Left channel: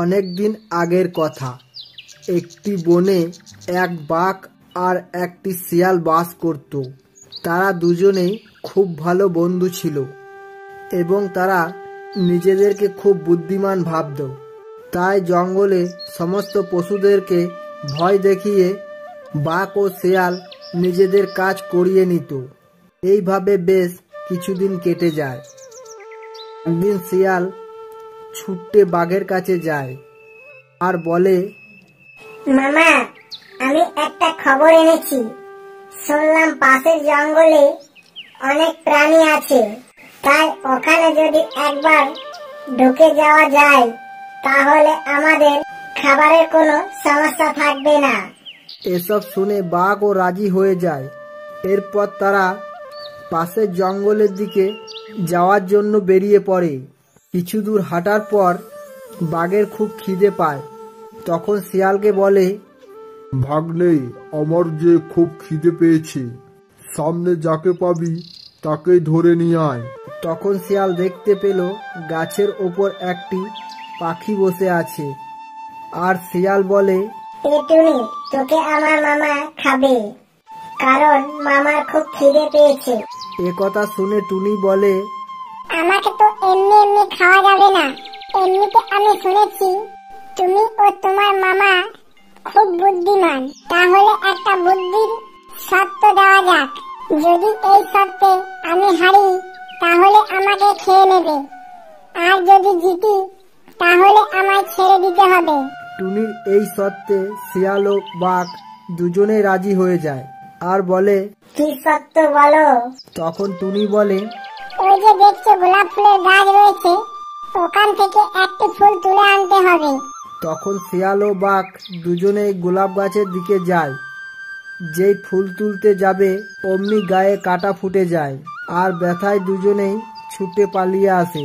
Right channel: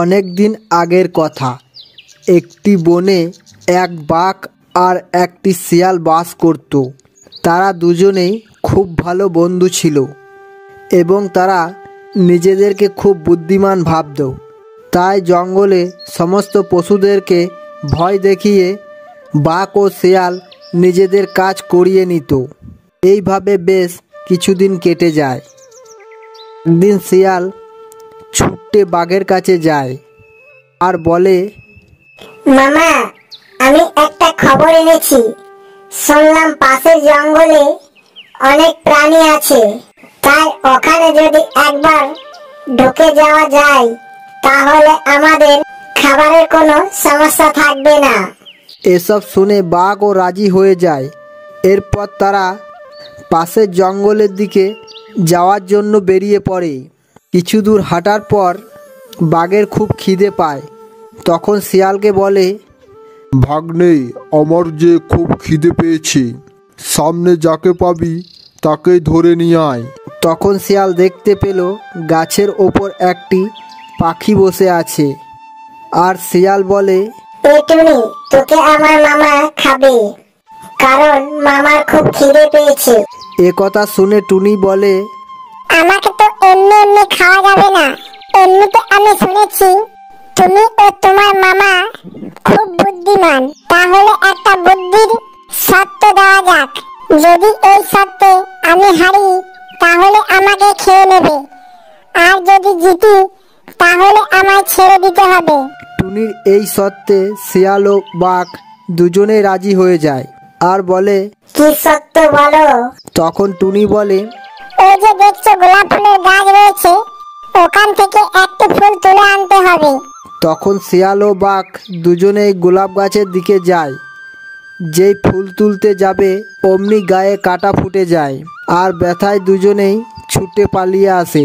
অনেক দিন আগের কথা। একটি বনে এক বাঘ আর একটি শিয়াল বাস করত। তারা দুজনেই খুব ভালো বন্ধু ছিল এবং তারা নিজেদেরকে খুব বুদ্ধিমান ভাবত। তাই জঙ্গলে সমস্ত পশুদেরকে ভয় দেখিয়ে বাঘ ও শিয়াল নিজেদের কাজ করিয়ে নিত। এইভাবে বেশ কিছুদিন কেটে যায়। একদিন শিয়াল ছুটে বাঘের কাছে যায় আর বলে, মামা, আমি একটা খবর এনেছি। শুনলাম পাশের জঙ্গলে অনেক প্রাণী আছে, তাই ওখানে যদি একবার ঢুকে যাওয়া যায় তাহলে আমাদের খাবারের কোনো সমস্যা থাকবে না। এসব শুনে বাঘও রাজি হয়ে যায়। এরপর তারা পাশের জঙ্গলের দিকে যাওয়ার জন্য বেরিয়ে পড়ে। কিছু দূর হাঁটার পর বাঘের খুব খিদে পায়। তখন শিয়ালকে বলে, ভাগ্নে, আমার যে খুব খিদে পেয়েছে, সামনে যাকে পাবি তাকেই ধরে নিয়ে আয়। তখন শিয়াল দেখতে পেল গাছের ওপর একটি পাখি বসে আছে। আর শিয়াল বলে, এই টুনি, তোকে আমার মামা খাবে, কারণ মামার খুব খিদে পেয়েছে। এ কথা শুনে টুনি বলে, আমাকে তো এমনি এমনি খাওয়া যাবে না। এমনিতে আমি শুনেছি তুমি ও তোমার মামা খুব বুদ্ধিমান। তাহলে একটা বুদ্ধির শর্ত দেওয়া যাক। যদি এই শর্তে আমি হারি তাহলে আমাকে খেয়ে নেবে, আর যদি জিতি তাহলে আমায় ছেড়ে দিতে হবে। টুনির এই শর্তে শিয়াল ও বাঘ দুজনেই রাজি হয়ে যায় আর বলে, কি শর্ত বলো? তখন টুনি বলে, ওই যে দেখছো গোলাপ ফুলের গাছ রয়েছে, ওখান থেকে একটা ফুল তুলে আনতে হবে। তখন শিয়াল ও বাঘ দুজনেই গোলাপ গাছের দিকে যায়। যেই ফুল তুলতে যাবে অমনি গায়ে কাঁটা ফুটে যায় আর ব্যথায় দুজনেই ছুটে পালিয়ে আসে।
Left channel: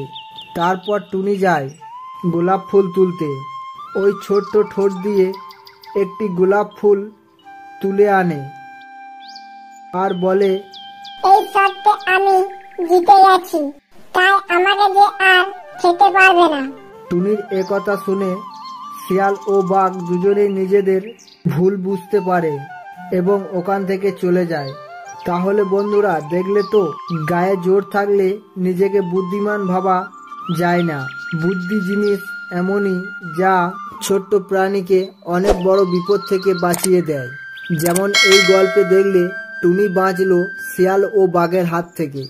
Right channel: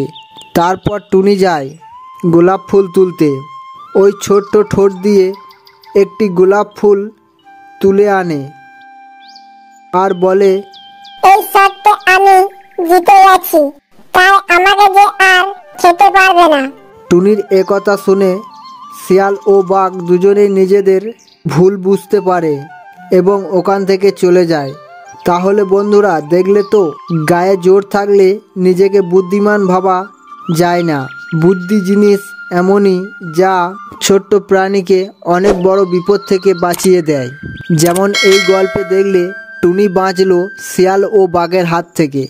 তারপর টুনি যায় গোলাপ ফুল তুলতে। ওই ছোট্ট ঠোঁট দিয়ে একটি গোলাপ ফুল তুলে আনে আর বলে, এই শর্তে আমি জিতে গেছি, তাই আমাকে যে আর খেতে পারবে না। টুনির এ কথা শুনে শিয়াল ও বাঘ দুজনেই নিজেদের ভুল বুঝতে পারে এবং ওখান থেকে চলে যায়। তাহলে বন্ধুরা, দেখলে তো, গায়ে জোর থাকলে নিজেকে বুদ্ধিমান ভাবা যায় না। বুদ্ধি জিনিস এমনই যা ছোট্ট প্রাণীকে অনেক বড় বিপদ থেকে বাঁচিয়ে দেয়। যেমন এই গল্পে দেখলে টুনি বাঁচলো শিয়াল ও বাঘের হাত থেকে।